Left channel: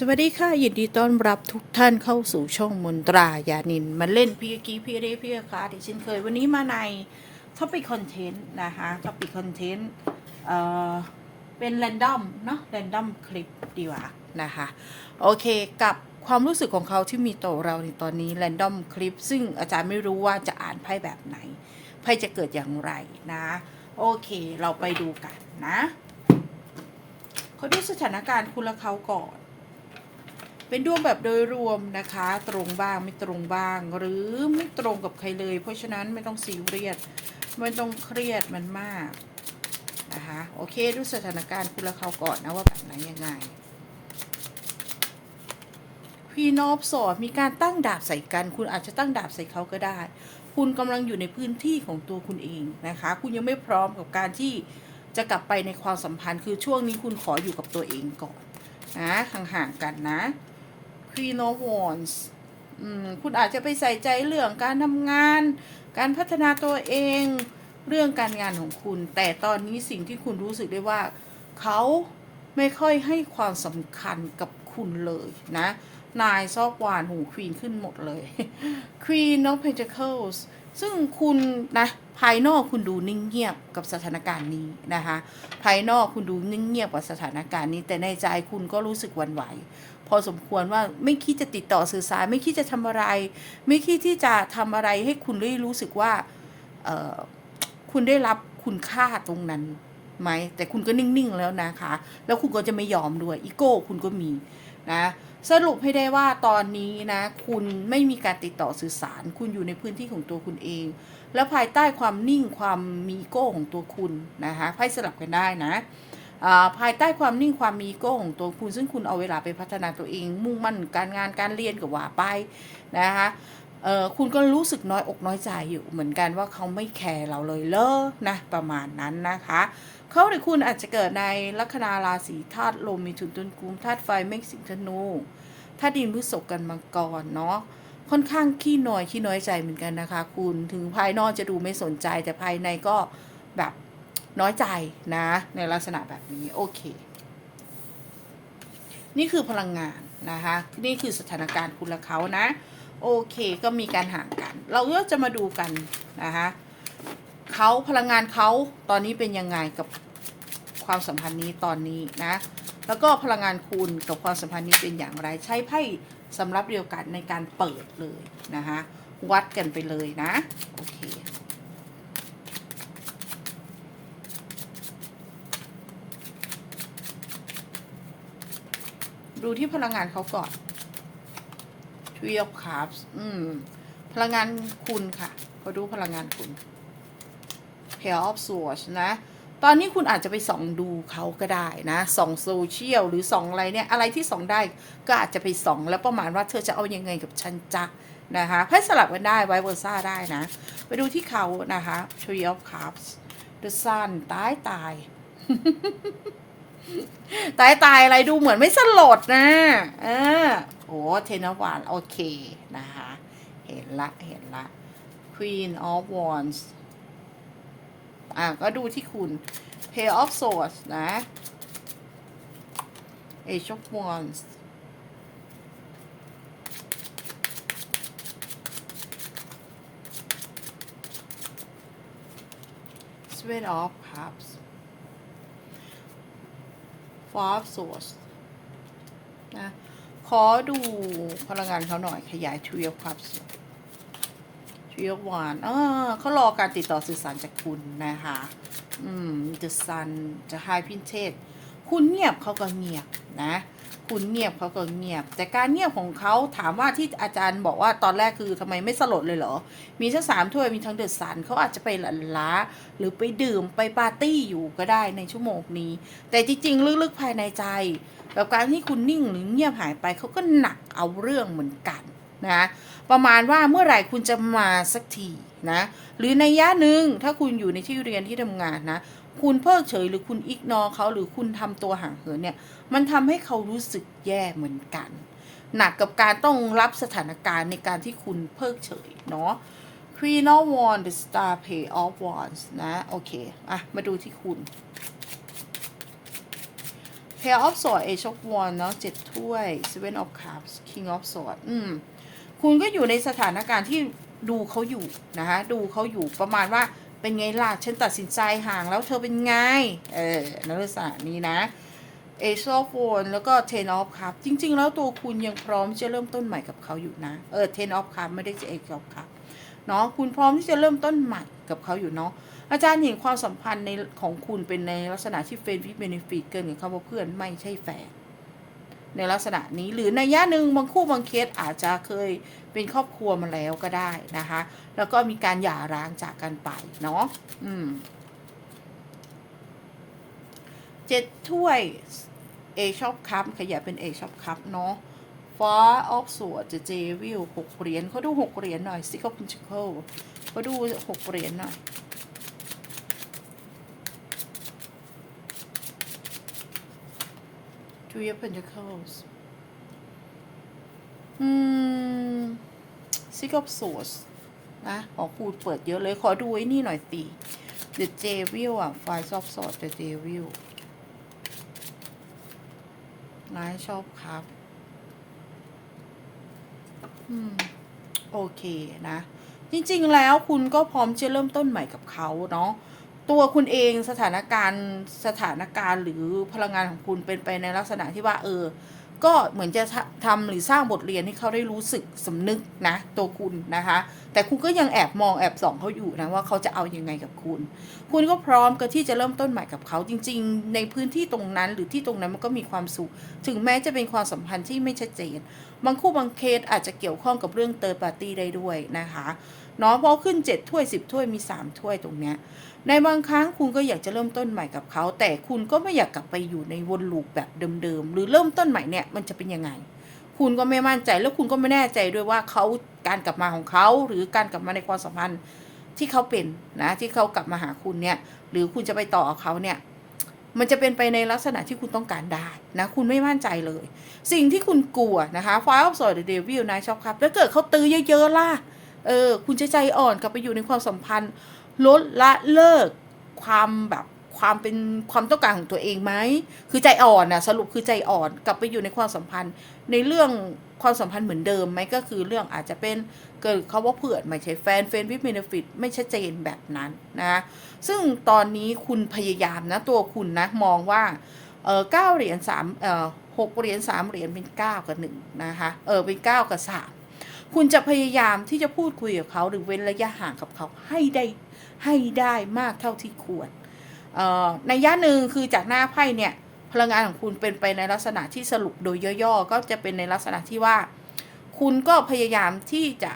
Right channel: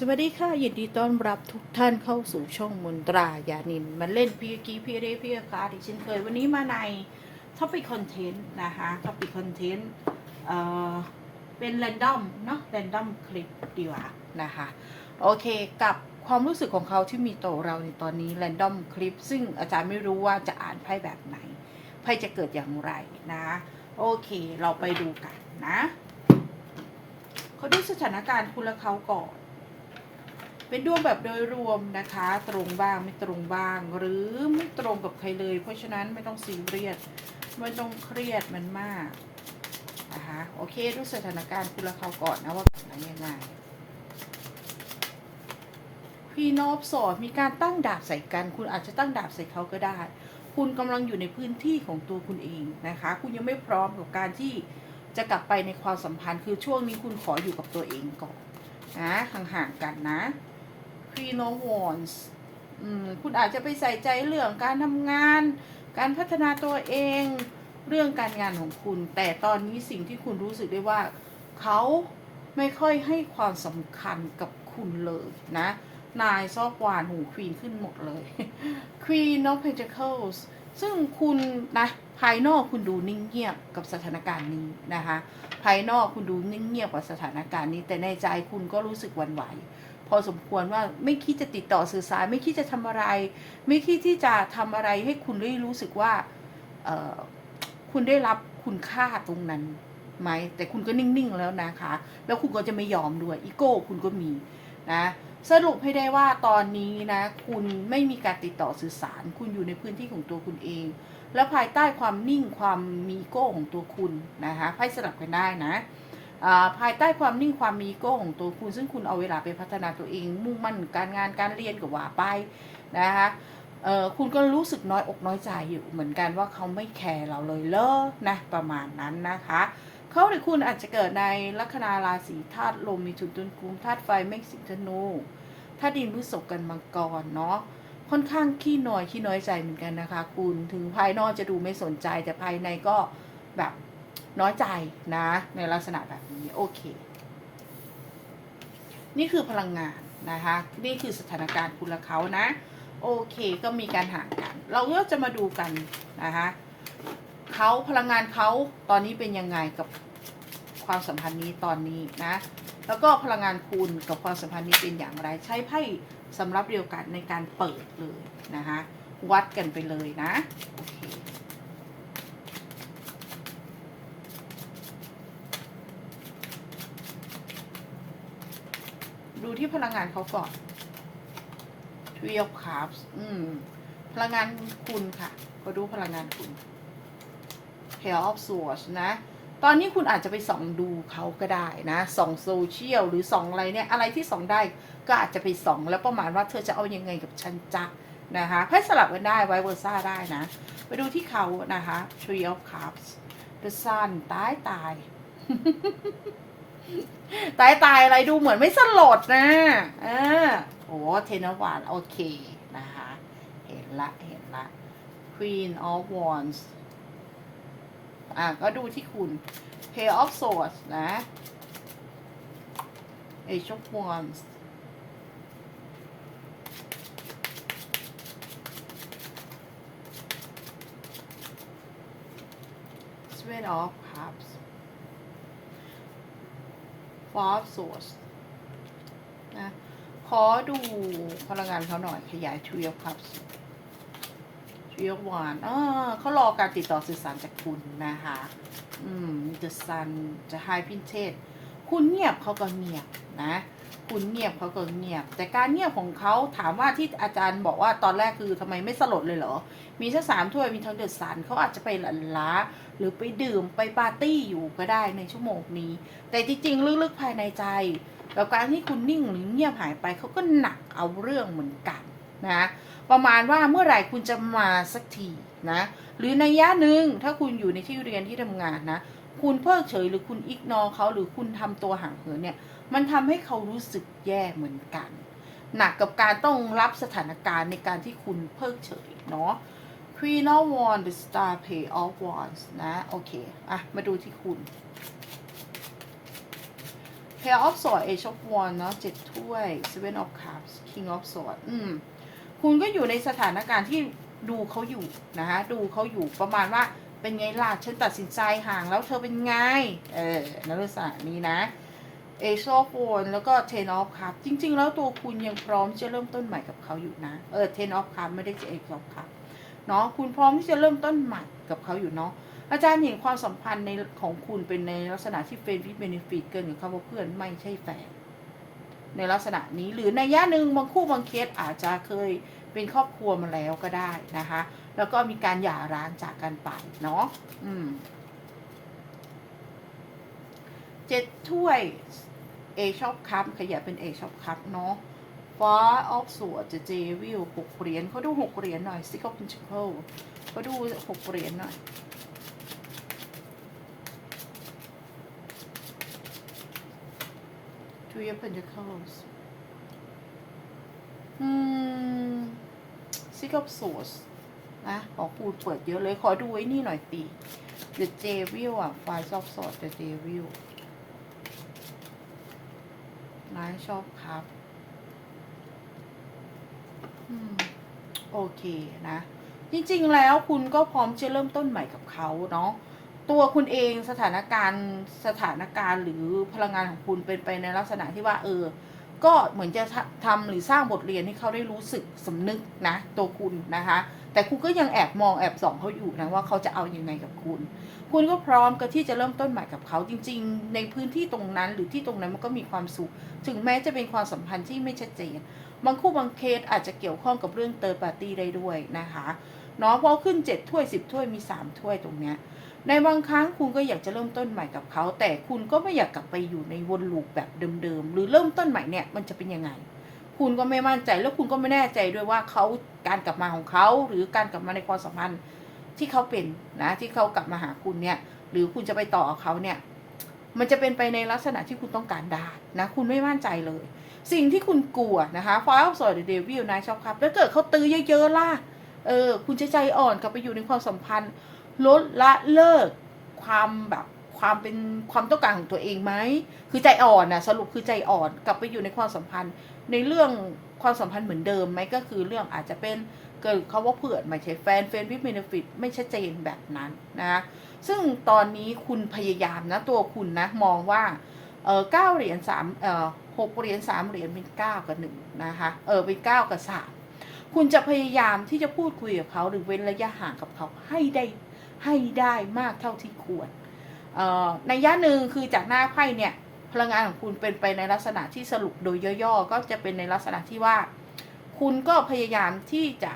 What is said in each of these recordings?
สวัสดีค่ะยินดีต้อนรับทุกท่านเข้าสู่ช่องมนตรายานินมาเล่นพี่กี้พี่เรพี่คาที่เช่นเคยวันนี้มาในท็อปิ c คอนเทนต์นะคะท็อปิ c คอนเทนต์เอ่อเป็นแรนดอมเนาะแรนดอมคลิปดีกว่านะคะโอเคกับความรู้สึกของเขาที่มีต่อเราในตอนนี้แรนดอมคลิป ซึ่งอาจารย์ไม่รู้ว่าจะอ่านไพ่แบบไหนไพ่จะเกิดอย่างไรนะโอเคเราไปดูกันนะเขาดูสถานการณ์คุณและเขาก่อน เป็นดวงแบบโดยรวมนะคะ ตรงบ้างไม่ตรงบ้าง หรือไม่ตรงกับใครเลย เพราะฉะนั้นไม่ต้องซีเรียสไม่ต้องเครียดมันมากนะคะโอเคดูสถานการณ์คุณละเขาก่อนนะว่าแบบไหนยังไงพี่นอบสอนมีการตั้งดาบใส่กัน คุณอาจจะตั้งดาบใส่เขาก็ได้ คุณกำลังอยู่ในพื้นที่ของตัวคุณเองนะคะ คุณยังไม่พร้อมกับการที่จะกลับไปในความสัมพันธ์คือช่วงนี้คุณขออยู่กับตัวเองก่อนนะห่างๆกันนะ Queen of Wands คุณอาจจะไปใส่ใจเรื่องการทำงาน การพัฒนาตัวเอง เรื่องการงานของคุณ แต่ตอนนี้สิ่งที่คุณรู้สึกได้ว่า เขาไม่ค่อยให้ความสำคัญกับคุณเลยนะ นายซอกวานหูควีนขึ้นหมดเลย Queen of Pentacles ซึ่งคุณนะภายนอกคุณดูนิ่งเงียบกับสถานการณ์นี้นะคะ ภายนอกคุณดูนิ่งเงียบกับสถานการณ์นี้ แต่ในใจคุณก็รู้สึกวันไหว พอสมควรว่าไม่คิดจะติดต่อสื่อสาร ไม่คิดจะทำอะไร ไม่คิดที่จะทำอะไรให้คุณได้รู้สึกว่าเออคุณได้รับคุณค่าตรงนั้นไหมแต่คุณก็นิ่งๆแล้วนะคะ แล้วคุณก็จะไม่ยอมด้วยอีโก้คุณก็มีนะสรุปให้ได้ว่าตอนนี้นะ คุณไม่มีการติดต่อสื่อสาร คุณอยู่ในพื้นที่ของตัวคุณเอง แล้วภายใต้ความนิ่งความมีอีโก้ของตัวคุณนะคะไพ่สลับกันได้นะ ภายใต้ความนิ่งความมีโก้ของตัวคุณ ซึ่งคุณเอาเวลาไปพัฒนาตัวเอง มุ่งมั่นการงานการเรียนกับว่าไปนะคะคุณก็รู้สึกน้อยอกน้อยใจอยู่เหมือนกันว่าเขาไม่แคร์เราเลยเลอนะประมาณนั้นนะคะเขาหรือคุณอาจจะเกิดในลัคนาราศีธาตุลมมีถุนตุนกุมธาตุไฟเมฆสิงธนูธาตุดินพฤษภกันมังกรเนาะค่อนข้างขี้น้อยขี้น้อยใจเหมือนกันนะคะ คุณถึงภายนอกจะดูไม่สนใจแต่ภายในก็แบบ น้อยใจนะ ในลักษณะแบบนี้โอเค นี่คือพลังงานนะคะนี่คือสถานการณ์คุณและเขานะ โอเคก็มีการห่างกัน เราก็จะมาดูกันนะคะเขาพลังงานเขาตอนนี้เป็นยังไงกับความสัมพันธ์นี้ตอนนี้นะ แล้วก็พลังงานคุณกับความสัมพันธ์นี้เป็นอย่างไร ใช้ไพ่สำหรับเดียวกันในการเปิดเลยนะคะวัดกันไปเลยนะ โอเค ดูที่พลังงานเขาก่อน Three of Cups อืม พลังงานคุณค่ะมาดูพลังงานคุณ Pair of Swords นะ ตอนนี้คุณอาจจะไปส่องดูเขาก็ได้นะส่องโซเชียลหรือส่องอะไรเนี่ย อะไรที่ส่องได้ก็อาจจะไปส่องแล้วประมาณว่าเธอจะเอายังไงกับฉันจ๊ะนะคะให้สลับกันได้ไวเวอร์ซ่าได้นะ ไปดูที่เขานะคะ Tree of Cups The Sun ตายตาย ตายตายอะไรดูเหมือนไม่สลดนะเออโอ้เทนวานโอเคนะคะ เห็นละเห็นละ Queen of Wands อะก็ดูที่คุณ Pair of Swords นะ Age of Wands Seven off source นะขอดูพลังงานเขาหน่อยขยาย Three of Cups Three of Wands อ่าเขารอการติดต่อสื่อสารจากคุณนะคะ อืม The Sun จะ High Princess คุณเงียบเขาก็เงียบนะ คุณเงียบเขาก็เงียบ แต่การเงียบของเขาถามว่าที่อาจารย์บอกว่าตอนแรกคือทำไมไม่สลดเลยเหรอ มีทั้งสามถ้วยมีทั้งเดอะซันเขาอาจจะไปหลันล้า หรือไปดื่มไปปาร์ตี้อยู่ก็ได้ในชั่วโมงนี้ แต่จริงๆลึกๆภายในใจกับการที่คุณนิ่งหรือเงียบหายไปเขาก็หนักเอาเรื่องเหมือนกันนะประมาณว่าเมื่อไหร่คุณจะมาสักทีนะหรือในยะหนึ่งถ้าคุณอยู่ในที่เรียนที่ทำงานนะ คุณเพิกเฉยหรือคุณอิกนอเขาหรือคุณทำตัวห่างเหินเนี่ย มันทำให้เขารู้สึกแย่เหมือนกัน หนักกับการต้องรับสถานการณ์ในการที่คุณเพิกเฉยเนาะ Queen of Wands the Star Pay of Wands นะ โอเค อะ มาดูที่คุณ pair of swords age of one เนาะเจ็ดถ้วย seven of cups king of swords อืม คุณก็อยู่ในสถานการณ์ที่ดูเขาอยู่นะคะ ดูเขาอยู่ประมาณว่า เป็นไงล่ะฉันตัดสินใจห่างแล้วเธอเป็นไง เออนลักษณะนี้นะ Ace of Wands แล้วก็ Ten of Cups จริง ๆ แล้วตัวคุณยังพร้อมที่จะเริ่มต้นใหม่กับเขาอยู่นะ เออ Ten of Cups ไม่ได้จะ Ace of Cups เนาะคุณพร้อมที่จะเริ่มต้นใหม่กับเขาอยู่เนาะอาจารย์เห็นความสัมพันธ์ในของคุณเป็นในลักษณะที่เฟรนด์ฟิเบนฟิตเกินกับคำว่าเพื่อนไม่ใช่แฟน ในลักษณะนี้หรือในย่าหนึ่งบางคู่บางเคสอาจจะเคยเป็นครอบครัวมาแล้วก็ได้นะคะ แล้วก็มีการหย่าร้างจากกันไปเนาะอืมเจ็ดถ้วยเอชอปคัพขยับเป็นเอชอปคัพเนาะฟ้าออฟสวดจะเจวิลหกเหรียญเขาดูหกเหรียญหน่อยซิกอพินชิเคิลเขาดูหกเหรียญหน่อย Three of Pentacles อืม Six of Swords นะ ขอคูณเปิดเยอะเลย ขอดูไอ้นี่หน่อยสิ The Devil อะ Five of Swords The Devil นายชอบครับ อืม โอเคนะ จริง ๆ แล้วคุณก็พร้อมจะเริ่มต้นใหม่กับเขาเนาะ ตัวคุณเองสถานการณ์สถานการณ์หรือพลังงานของคุณเป็นไปในลักษณะที่ว่า เออ ก็เหมือนจะทำทำหรือสร้างบทเรียนให้เขาได้รู้สึกสำนึกนะ ตัวคุณนะคะ แต่คุณก็ยังแอบมองแอบส่องเขาอยู่นะว่าเขาจะเอาอยัางไงกับคุณ คุณก็พร้อมกับที่จะเริ่มต้นใหม่กับเขาจริง ๆ ในพื้นที่ตรงนั้นหรือที่ตรงนั้นมันก็มีความสุข ถึงแม้จะเป็นความสัมพันธ์ที่ไม่ชัดเจน บางคู่บางเคสอาจจะเกี่ยวข้องกับเรื่องเติร์ดปาร์ตี้ได้ด้วยนะคะเนาะเพราะขึ้น 7 ถ้วย 10 ถ้วยมี 3 ถ้วยตรงเนี้ย ในบางครั้งคุณก็อยากจะเริ่มต้นใหม่กับเขา แต่คุณก็ไม่อยากกลับไปอยู่ในวนลูปแบบเดิมๆ หรือเริ่มต้นใหม่เนี่ยมันจะเป็นยังไง คุณก็ไม่มั่นใจแล้วคุณก็ไม่แน่ใจด้วยว่าเขาการกลับมาของเขา หรือการกลับมาในความสัมพันธ์ที่เขาเป็นนะที่เขากลับมาหาคุณเนี่ยหรือคุณจะไปต่อเขาเนี่ยมันจะเป็นไปในลักษณะที่คุณต้องการได้นะคุณไม่มั่นใจเลย สิ่งที่คุณกลัวนะคะฟ้าอัพสอยเดวิลนายชอบครับแล้วเกิดเขาตื้อเยอะๆล่ะเออคุณจะใจอ่อนกลับไปอยู่ในความสัมพันธ์ ลดละเลิกความแบบความเป็นความต้องการของตัวเองไหมคือใจอ่อนนะสรุปคือใจอ่อนกลับไปอยู่ในความสัมพันธ์ ในเรื่องความสัมพันธ์เหมือนเดิมไหมก็คือเรื่องอาจจะเป็นเกิดเขาว่าเผื่อนไม่ใช่แฟนเฟนวิ t เ e นฟิตไม่ชัดเจนแบบนั้นนะซึ่งตอนนี้คุณพยายามนะตัวคุณนะมองว่าเออเก้าเหรียญสามเออหกเหรียญสามเหรียญเป็นเก้ากับหนึ่งนะคะเออเป็นเก้ากับสามคุณจะพยายามที่จะพูดคุยกับเขาหรือเว้นระยะห่างกับเขาให้ได้ ให้ได้มากเท่าที่ควรในย่าหนึ่งคือจากหน้าไพ่เนี่ยพลังงานของคุณเป็นไปในลักษณะที่สรุปโดยย่อๆ ก็จะเป็นในลักษณะที่ว่า คุณก็พยายามที่จะ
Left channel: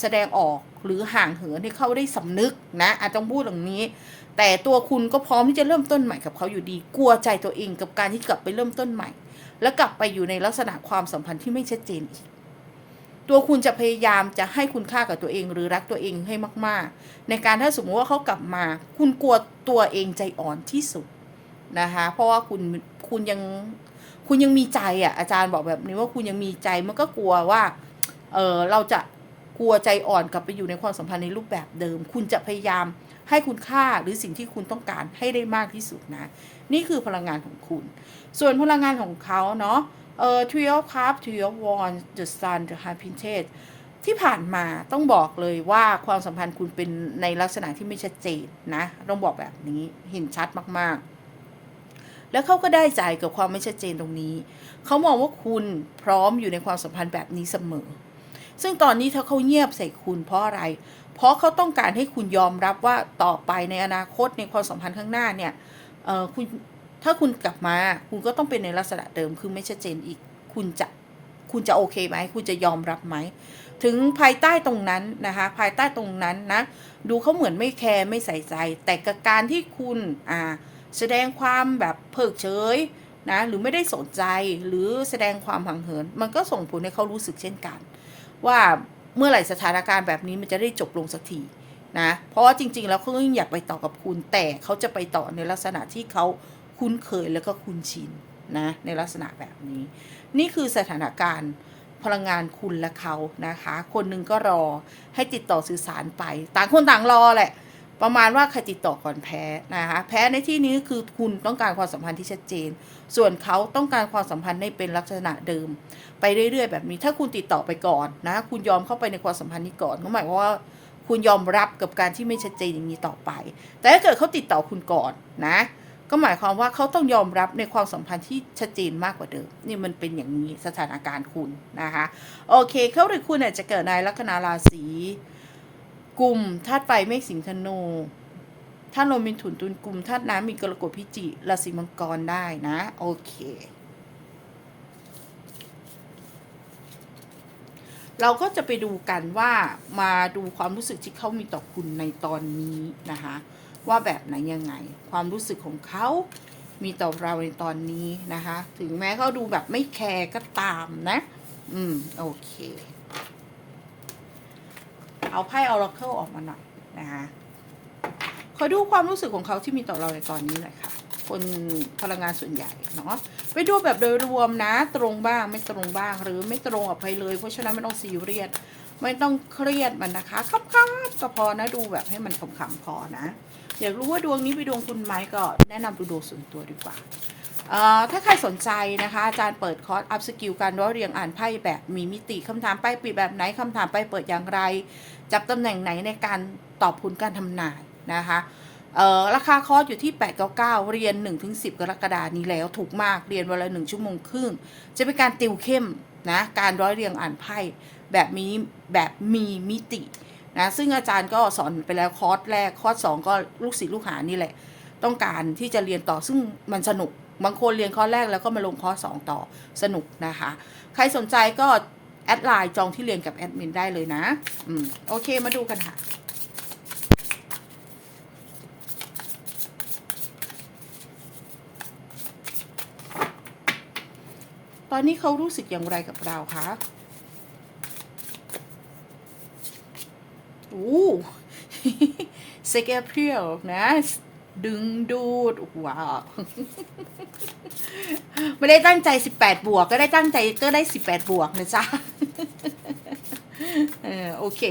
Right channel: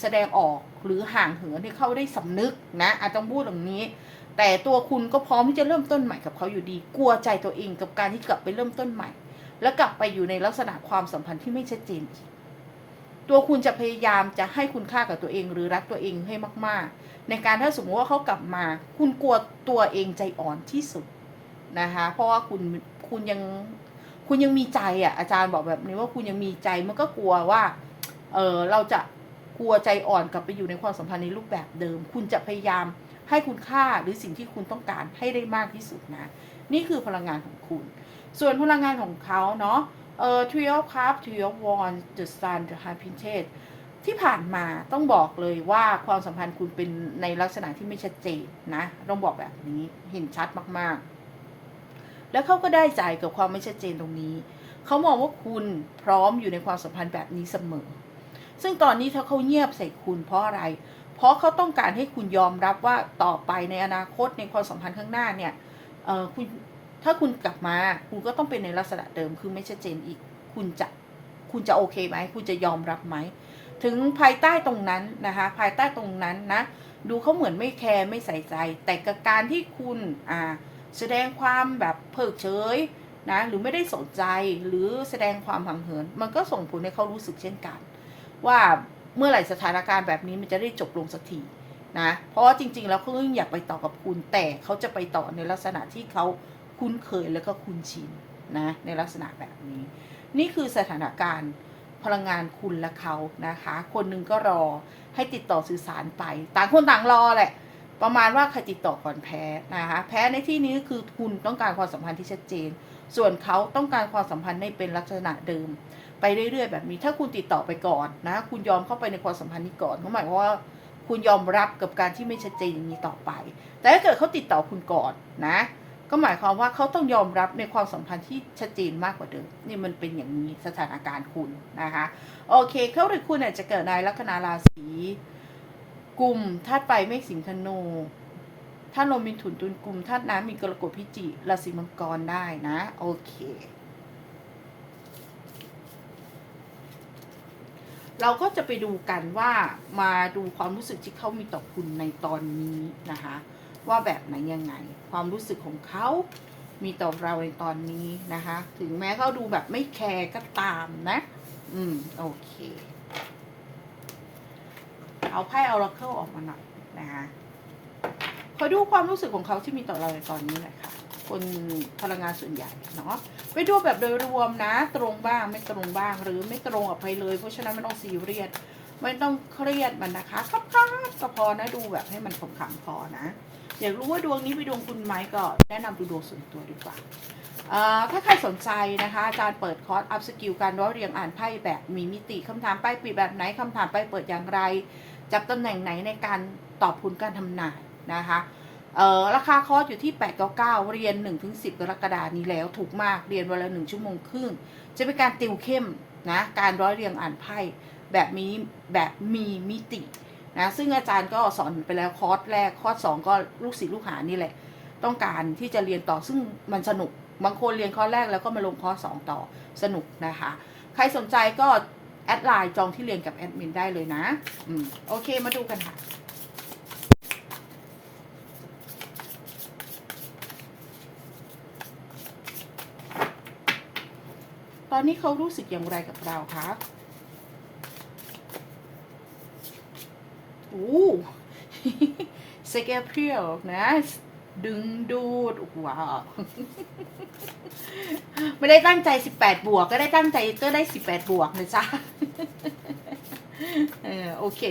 แสดงออกหรือห่างเหินให้เขาได้สำนึกนะอาจต้องพูดอย่างนี้ แต่ตัวคุณก็พร้อมที่จะเริ่มต้นใหม่กับเขาอยู่ดี กลัวใจตัวเองกับการที่กลับไปเริ่มต้นใหม่ แล้วกลับไปอยู่ในลักษณะความสัมพันธ์ที่ไม่ชัดเจนอีก ตัวคุณจะพยายามจะให้คุณค่ากับตัวเองหรือรักตัวเองให้มาก ๆ ในการถ้าสมมติว่าเขากลับมา คุณกลัวตัวเองใจอ่อนที่สุดนะคะเพราะว่าคุณคุณยังคุณยังมีใจอะอาจารย์บอกแบบนี้ว่าคุณยังมีใจมันก็กลัวว่าเออเราจะกลัวใจอ่อนกลับไปอยู่ในความสัมพันธ์ในรูปแบบเดิม คุณจะพยายามให้คุณค่าหรือสิ่งที่คุณต้องการให้ได้มากที่สุดนะ นี่คือพลังงานของคุณ ส่วนพลังงานของเขาเนาะ เอ่อ Three of Cups Three of Wands The Sun The High Priestess ที่ผ่านมาต้องบอกเลยว่าความสัมพันธ์คุณเป็นในลักษณะที่ไม่ชัดเจนนะ ต้องบอกแบบนี้เห็นชัดมากๆ แล้วเขาก็ได้ใจกับความไม่ชัดเจนตรงนี้ เขามองว่าคุณพร้อมอยู่ในความสัมพันธ์แบบนี้เสมอ ซึ่งตอนนี้ถ้าเขาเงียบใส่คุณเพราะอะไร เพราะเขาต้องการให้คุณยอมรับว่าต่อไปในอนาคตในความสัมพันธ์ข้างหน้าเนี่ยเออคุณ ถ้าคุณกลับมาคุณก็ต้องเป็นในลักษณะเดิมคือไม่ชัดเจนอีก คุณจะคุณจะโอเคไหมคุณจะยอมรับไหมถึงภายใต้ตรงนั้นนะคะภายใต้ตรงนั้นนะดูเขาเหมือนไม่แคร์ไม่ใส่ใจ แต่กับการที่คุณอ่าแสดงความแบบเพิกเฉยนะหรือไม่ได้สนใจหรือแสดงความห่างเหิน มันก็ส่งผลให้เขารู้สึกเช่นกัน ว่าเมื่อไหร่สถานการณ์แบบนี้มันจะได้จบลงสักทีนะเพราะว่าจริง ๆ แล้วเขาอยากไปต่อกับคุณแต่เขาจะไปต่อในลักษณะที่เขา คุ้นเคยแล้วก็คุ้นชินนะในลักษณะแบบนี้ นี่คือสถานการณ์พลังงานคุณและเขานะคะ คนหนึ่งก็รอให้ติดต่อสื่อสารไป ต่างคนต่างรอแหละ ประมาณว่าใครติดต่อก่อนแพ้นะคะแพ้ในที่นี้คือคุณต้องการความสัมพันธ์ที่ชัดเจน ส่วนเขาต้องการความสัมพันธ์ในเป็นลักษณะเดิม ไปเรื่อยๆ แบบนี้ ถ้าคุณติดต่อไปก่อนนะ คุณยอมเข้าไปในความสัมพันธ์นี้ก่อนก็หมายว่าคุณยอมรับกับการที่ไม่ชัดเจนอย่างนี้ต่อไป แต่ถ้าเกิดเขาติดต่อคุณก่อนนะ ก็หมายความว่าเขาต้องยอมรับในความสัมพันธ์ที่ชัดเจนมากกว่าเดิม นี่มันเป็นอย่างนี้สถานการณ์คุณนะคะ โอเค เขาหรือคุณเนี่ยจะเกิดในลัคนาราศีกลุ่มธาตุไฟเมษสิงห์ธนูธาตุลมมีถุนตุนกลุ่มธาตุน้ำมีกรกฎพิจิราศีมังกรได้นะ โอเคเราก็จะไปดูกันว่ามาดูความรู้สึกที่เขามีต่อคุณในตอนนี้นะคะ ว่าแบบไหนยังไง ความรู้สึกของเขามีต่อเราในตอนนี้นะคะ ถึงแม้เขาดูแบบไม่แคร์ก็ตามนะ อืม โอเค เอาไพ่เอา r ร c เคิลออกมาหน่อยนะคะขอดูความรู้สึกของเขาที่มีต่อเราในตอนนี้หน่อยค่ะ คนพลังงานส่วนใหญ่เนาะไปดูแบบโดยรวมนะ ตรงบ้างไม่ตรงบ้างหรือไม่ตรงกับใครเลย เพราะฉะนั้นไม่ต้องซีเรียสไม่ต้องเครียดมันนะคะครับคับก็พอนะดูแบบให้มันขำๆพอนะ อยากรู้ว่าดวงนี้ไปนดวงคุณไหมก็แนะนำดูดวงส่วนตัวดีกว่าถ้าใครสนใจนะคะอาจารย์เปิดคอร์สอัพสกิลการร้อยเรียงอ่านไพ่แบบมีมิติคำถามไปปิดแบบไหนคำถามไปเปิดอย่างไร จับตำแหน่งไหนในการตอบผลการทำนายนะคะราคาคอร์สอยู่ที่ 899 เรียน 1-10 กรกฎานี้แล้วถูกมากเรียนวันละ 1 ชั่วโมงครึ่ง จะเป็นการติวเข้มนะการร้อยเรียงอ่านไพ่แบบมีแบบมีมิติ นะซึ่งอาจารย์ก็สอนไปแล้วคอร์สแรกคอร์สสองก็ลูกศิษย์ลูกหานี่แหละ ต้องการที่จะเรียนต่อซึ่งมันสนุกบางคนเรียนคอร์สแรกแล้วก็มาลงคอร์สสองต่อสนุกนะคะ ใครสนใจก็แอดไลน์จองที่เรียนกับแอดมินได้เลยนะอืมโอเคมาดูกันค่ะตอนนี้เขารู้สึกอย่างไรกับเราคะ โอ้เซกเพียวนะ ดึงดูด ว้าว ไม่ได้ตั้งใจ 18 บวก ก็ได้ตั้งใจก็ได้ 18 บวกนะจ๊ะ เออ โอเค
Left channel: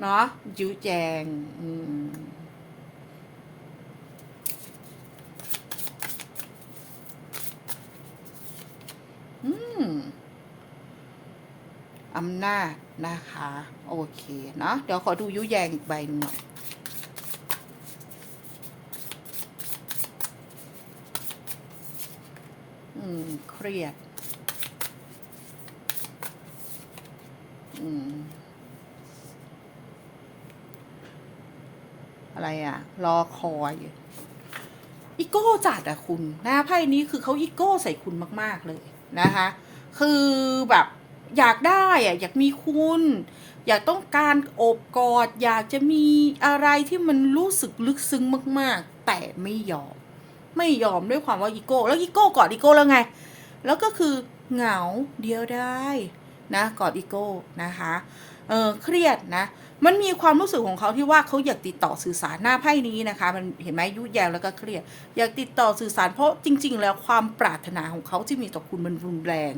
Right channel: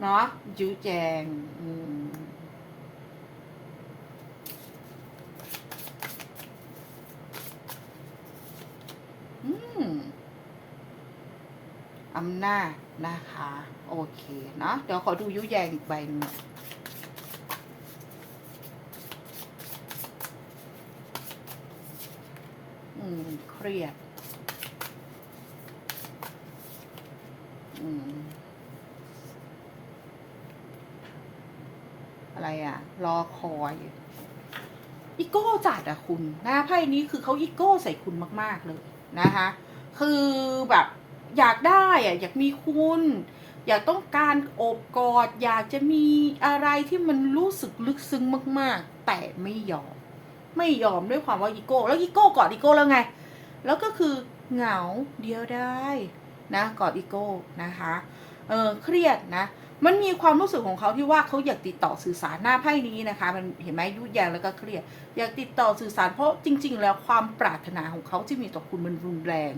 เนาะยูแจงอืมอืมอำนาจนะคะ โอเคเนาะเดี๋ยวขอดูยุแยงอีกใบหนึ่งอยอืม เครียด อืม อะไรอะ รอคอยอีโก้จัดอะคุณนะไพ่นี้คือเขาอีโก้ใส่คุณมาก ๆ เลยนะคะ คือแบบอยากได้อะอยากมีคุณ อยากต้องการโอบกอด อยากจะมีอะไรที่มันรู้สึกลึกซึ้งมากๆ แต่ไม่ยอม ไม่ยอมด้วยความว่าอีโก้ แล้วอีโก้กอดอีโก้แล้วไง แล้วก็คือเหงาเดียวได้นะกอดอีโก้นะคะเออเครียดนะ มันมีความรู้สึกของเขาที่ว่าเขาอยากติดต่อสื่อสารหน้าไพ่นี้นะคะ มันเห็นไหมยุ่ยแยงแล้วก็เครียด อยากติดต่อสื่อสารเพราะจริง ๆ แล้วความปรารถนาของเขาที่มีต่อคุณมันรุนแรง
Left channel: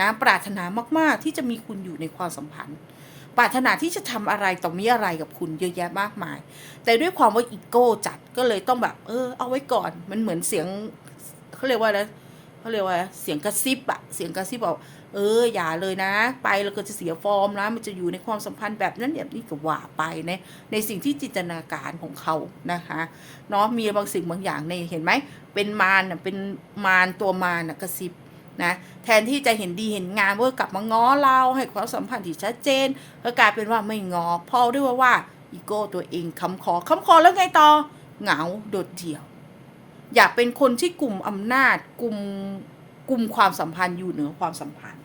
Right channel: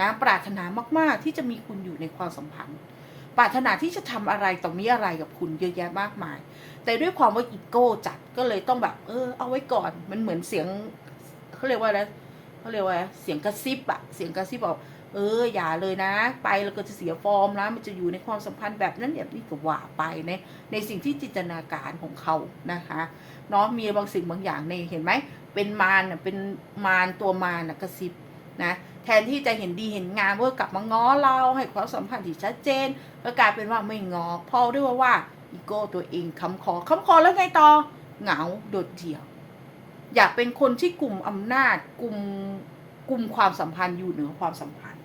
นะปรารถนามากๆที่จะมีคุณอยู่ในความสัมพันธ์ ปรารถนาที่จะทำอะไรต่อมีอะไรกับคุณเยอะแยะมากมาย แต่ด้วยความว่าอีโก้จัดก็เลยต้องแบบเออเอาไว้ก่อนมันเหมือนเสียงเขาเรียกว่าอะไรเขาเรียกว่าเสียงกระซิบอะเสียงกระซิบบอกเอออย่าเลยนะ ไปแล้วก็จะเสียฟอร์มนะมันจะอยู่ในความสัมพันธ์แบบนั้นแบบนี้ก็ว่าไปในในสิ่งที่จินตนาการของเขานะคะเนาะมีบางสิ่งบางอย่างในเห็นไหมเป็นมารน่ะเป็นมารตัวมารน่ะกระซิบ นะแทนที่จะเห็นดีเห็นงามว่ากลับมาง้อเราให้ความสัมพันธ์ที่ชัดเจนก็กลายเป็นว่าไม่งอเพอด้วยว่าว่าอีโก้ตัวเองคำคอคำคอแล้วไงต่อเหงาโดดเดี่ยว อยากเป็นคนที่กลุ่มอำนาจกลุ่มกลุ่มความสัมพันธ์อยู่เหนือความสัมพันธ์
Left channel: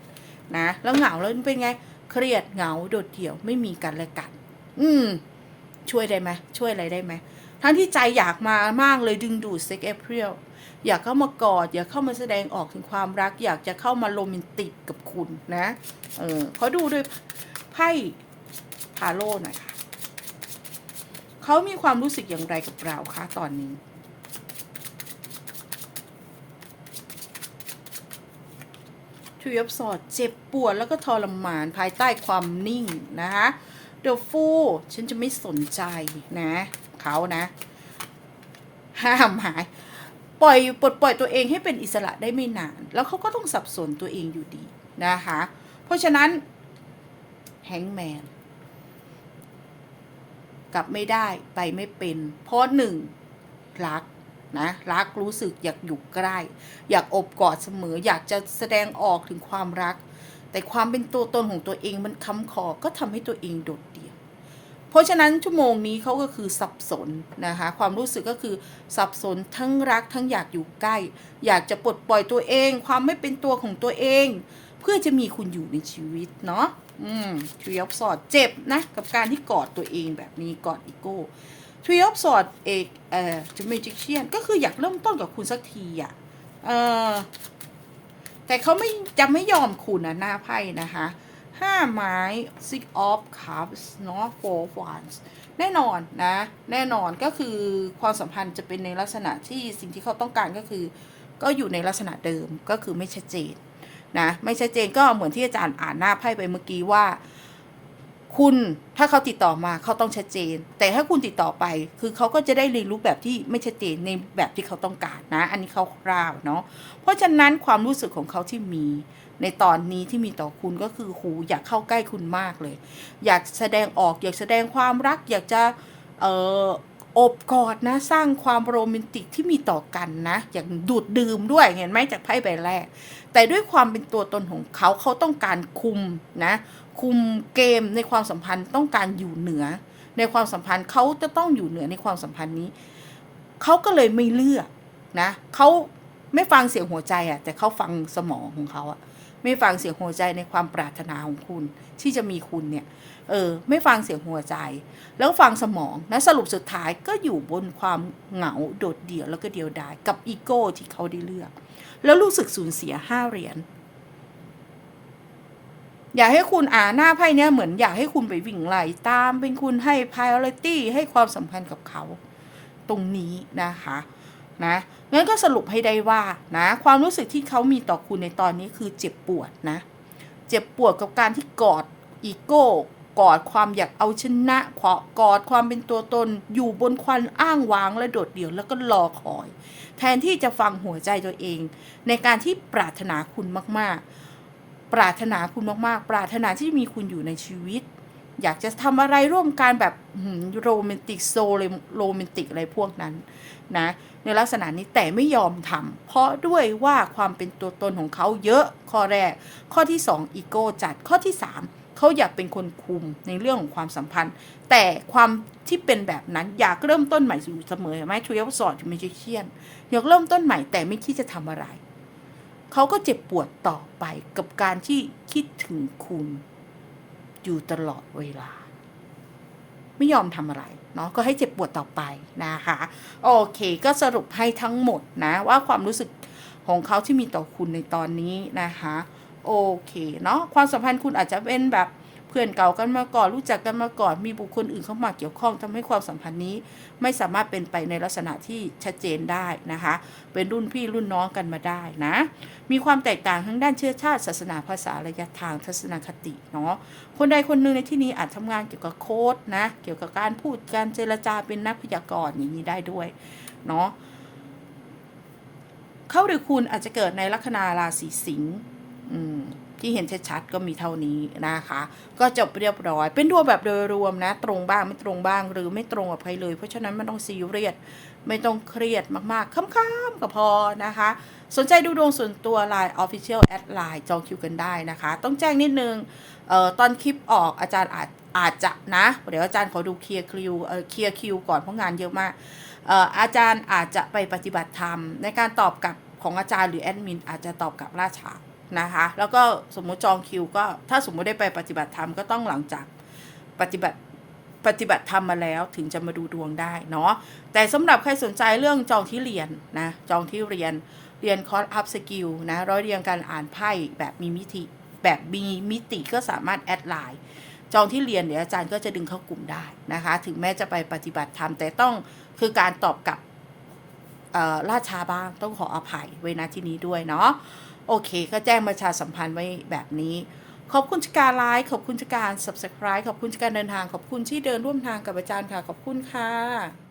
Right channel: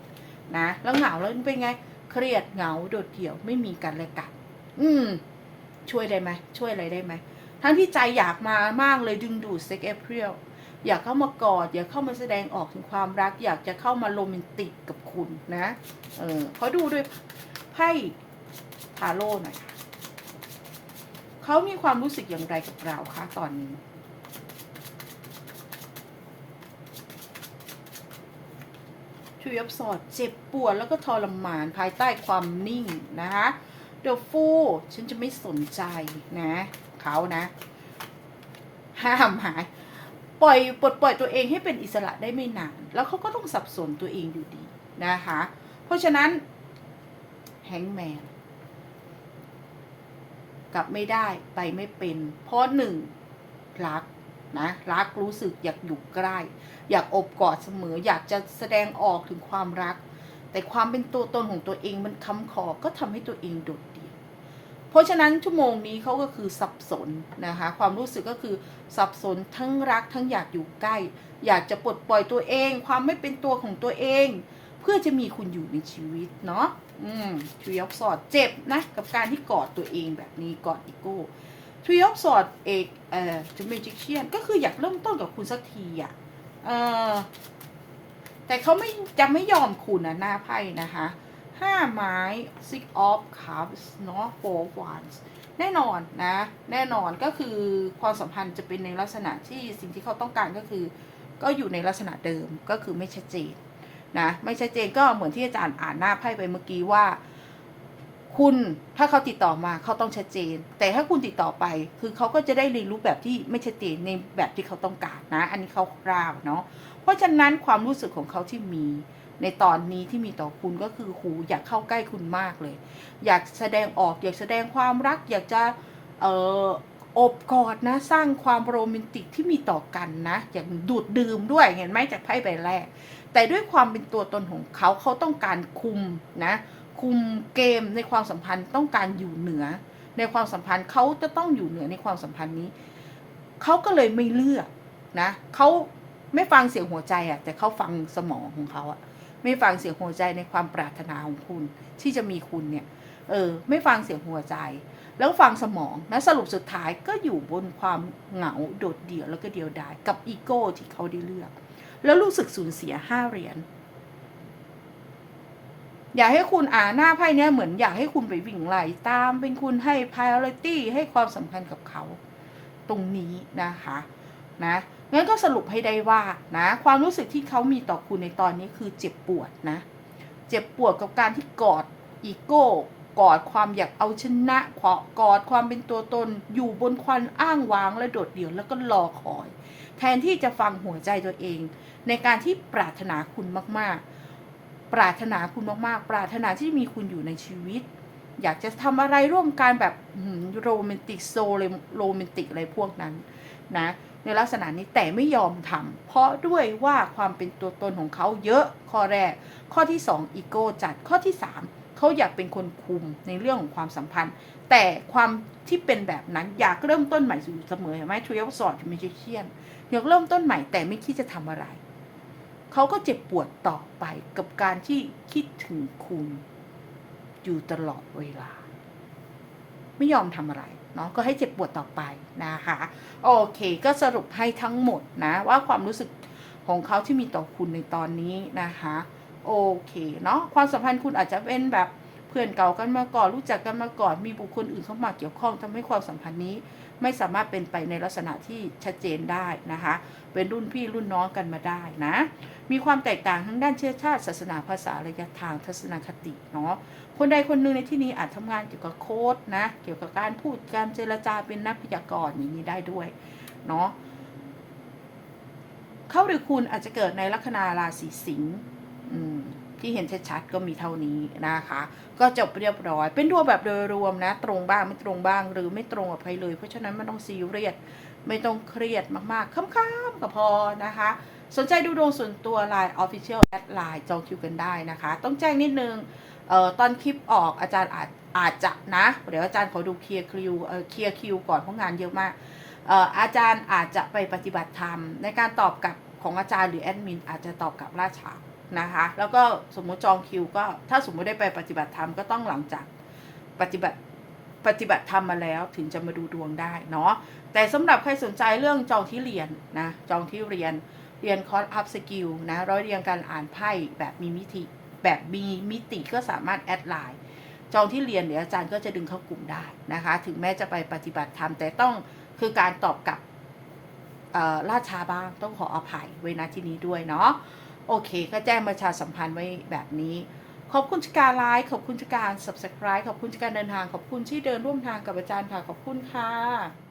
นะแล้วเหงาแล้วเป็นไงเครียดเหงาโดดเดี่ยวไม่มีกันและกัน อืม ช่วยได้ไหมช่วยอะไรได้ไหมทั้งที่ใจอยากมามากเลยดึงดูดเซ็กเอพริล อยากเข้ามากอด อยากเข้ามาแสดงออกถึงความรัก อยากจะเข้ามาโรแมนติกกับคุณนะเออขอดูด้วยไพ่พาโลหน่อยค่ะเขามีความรู้สึกอย่างไรกับเราคะตอนนี้ทรีออฟสอดเจ็บปวดแล้วก็ทรมานภายใต้ความนิ่งนะคะเดอะฟูฉันจะไม่สนใจนะเขานะ ห้ามหาย ปล่อยปลดปล่อยตัวเองให้เป็นอิสระได้ไม่นาน แล้วเขาก็ต้องสับสนตัวเองอยู่ดีนะคะ เพราะฉะนั้นแฮงแมนกลับไม่ได้ไปไม่เป็น เพราะหนึ่งรักนะรักรู้สึกอยากอยู่ใกล้ อยากอบกอดเสมอ อยากจะแสดงออกถึงความรัก แต่ความเป็นตัวตนของตัวเองมันคำคอก็ทำให้ตัวเองโดด ราะฉะนั้นชั่วโมงนี้เขาก็คือสับสนนะคะ ความรู้สึกก็คือสับสนทั้งรักทั้งอยากอยู่ใกล้ อยากจะปลดปล่อยตัวเอง ความไม่เป็นตัวของตัวเอง เพื่อจะมีคุณอยู่ในชีวิตเนาะอืมทรีออฟสอดเจ็บนะ กับการที่กอดตัวเองแบบนี้กอดอีโก้ทรีออฟสอดเอกเอ่อจูเมจิเชียนก็คืออยากเริ่มต้นกับคุณสักทีอะเออแต่เขาไม่จะไม่ยอมคุณนะหน้าไพ่นะคะ ห้าไม้ six of cups เนาะ four of wands แน่นอนนะ แน่นอนก็คือความสัมพันธ์จะเป็นในลักษณะที่สิ่งที่เขาต้องการก็คือ ก็อยู่ในลักษณะเดิมก็คือไม่ชัดเจนนะ ไม่ชัดเจนก็เหมือนที่อาจารย์อ่านหน้าไพ่ไปเมื่อกี้ว่า คุณถ้าเขาติดต่อมาเขาต้องชัดเจน แต่ถ้าคุณติดต่อไปคือเขาก็จะได้เรียนรู้แบบที่ไม่ชัดเจนในแบบที่เขาต้องการนะ อันนี้เขาคร่าวเนาะเพราะฉะนั้นความรู้สึกของเขาที่มี ในตอนนี้ที่มีต่อคุณก็คือหูอยากเข้าใกล้คุณมากเลย อยากแสดงออกอยากแสดงความรัก อยากจะเอออบกอดนะสร้างความโรแมนติกที่มีต่อกันนะอย่างดูดดื่มด้วยเห็นไหมจากไพ่ใบแรก แต่ด้วยความเป็นตัวตนของเขาเขาต้องการคุมนะคุมเกมในความสัมพันธ์ต้องการอยู่เหนือ ในความสัมพันธ์เขาจะต้องอยู่เหนือในความสัมพันธ์นี้เขาก็เลยไม่เลือกนะเขาไม่ฟังเสียงหัวใจอะแต่เขาฟังสมองของเขาอะ ไม่ฟังเสียงหัวใจในความปรารถนาของคุณ ที่จะมีคุณเนี่ยเออไม่ฟังเสียงหัวใจ แล้วฟังสมองนะสรุปสุดท้ายก็อยู่บนความเหงาโดดเดี่ยวแล้วก็เดียวดายกับอีโก้ที่เขาได้เลือก แล้วรู้สึกสูญเสียห้าเหรียญอยากให้คุณอ่านหน้าไพ่เนี้ยเหมือนอยากให้คุณไปวิ่งไล่ตามเป็นคุณให้ priority ให้ความสำคัญกับเขา ตรงนี้นะคะ นะงั้นก็สรุปให้ได้ว่านะความรู้สึกที่เขามีต่อคุณในตอนนี้คือเจ็บปวดนะ เจ็บปวดกับการที่กอดอีโก้กอดความอยากเอาชนะขอกอดความเป็นตัวตนอยู่บนควันอ้างว้างและโดดเดี่ยวแล้วก็รอคอย แทนที่จะฟังหัวใจตัวเอง ในการที่ปรารถนาคุณมากๆ ปรารถนาคุณมากๆ ปรารถนาที่มีคุณอยู่ในชีวิต อยากจะทำอะไรร่วมกันแบบโรแมนติกโซเลยโรแมนติกอะไรพวกนั้นนะ ในลักษณะนี้แต่ไม่ยอมทำเพราะด้วยว่าความเป็นตัวตนของเขาเยอะข้อแรก ข้อที่ 2 อีโก้จัดข้อที่ 3 เขาอยากเป็นคนคุมในเรื่องของความสัมพันธ์ แต่ความที่เป็นแบบนั้นอยากเริ่มต้นใหม่อยู่เสมอเห็นไหมทรีออฟสอดไม่ใช่เชียนอยากเริ่มต้นใหม่แต่ไม่คิดจะทำอะไรเขาก็เจ็บปวดต่อไปกับการที่คิดถึงคุณ อยู่ตลอดเวลา ไม่ยอมทำอะไร เนาะก็ให้เจ็บปวดต่อไปนะคะโอเค ก็สรุปให้ทั้งหมดนะว่าความรู้สึกของเขาที่มีต่อคุณในตอนนี้นะคะโอเคเนาะความสัมพันธ์คุณอาจจะเป็นแบบ พื่อนเก่ากันมาก่อนรู้จักกันมาก่อน มีบุคคลอื่นเข้ามาเกี่ยวข้องทำให้ความสัมพันธ์นี้ ไม่สามารถเป็นไปในลักษณะที่ชัดเจนได้นะคะ เป็นรุ่นพี่รุ่นน้องกันมาได้นะ มีความแตกต่างทั้งด้านเชื้อชาติ ศาสนาภาษาระยะทางทัศนคติเนาะคนใดคนหนึ่งในที่นี้อาจทำงานเกี่ยวกับโค้ดนะ เกี่ยวกับการพูดการเจรจาเป็นนักพยากรณ์อย่างนี้ได้ด้วยเนาะเขาหรือคุณอาจจะเกิดในลัคนาราศีสิงห์อืม ที่เห็นชัดๆก็มีเท่านี้นะคะ ก็จบเรียบร้อย เป็นดวงแบบโดยรวมนะ ตรงบ้างไม่ตรงบ้างหรือไม่ตรงกับใครเลย เพราะฉะนั้นไม่ต้องซีเรียสไม่ต้องเครียดมากๆค้ำๆก็พอนะคะ สนใจดูดวงส่วนตัว Line Official แอดไลน์จองคิวกันได้นะคะ ต้องแจ้งนิดนึงเอ่อตอนคลิปออกอาจารย์อาจอาจจะนะ เดี๋ยวอาจารย์ขอดูเคลียร์คิวเอ่อเคลียร์คิวก่อนเพราะงานเยอะมากเอ่ออาจารย์อาจจะไปปฏิบัติธรรม ในการตอบกลับของอาจารย์หรือแอดมินอาจจะตอบกลับล่าช้า นะคะ แล้วก็สมมติจองคิวก็ถ้าสมมติได้ไปปฏิบัติธรรมก็ต้องหลังจากปฏิบัติปฏิบัติธรรมมาแล้วถึงจะมาดูดวงได้เนาะแต่สำหรับใครสนใจเรื่องจองที่เรียนนะจองที่เรียนเรียนคอร์สอัพสกิลนะร้อยเรียงการอ่านไพ่แบบมีมิติแบบมีมิติก็สามารถแอดไลน์จองที่เรียนเดี๋ยวอาจารย์ก็จะดึงเข้ากลุ่มได้นะคะ ถึงแม้จะไปปฏิบัติธรรมแต่ต้องคือการตอบกลับล่าช้าบ้างต้องขออภัยไว้นะที่นี้ด้วยเนาะ โอเค ก็แจ้งประชาสัมพันธ์ไว้แบบนี้ ขอบคุณชกการไลค์ขอบคุณชกการ subscribe ขอบคุณจากการเดินทาง ขอบคุณที่เดินร่วมทางกับอาจารย์ค่ะ ขอบคุณค่ะ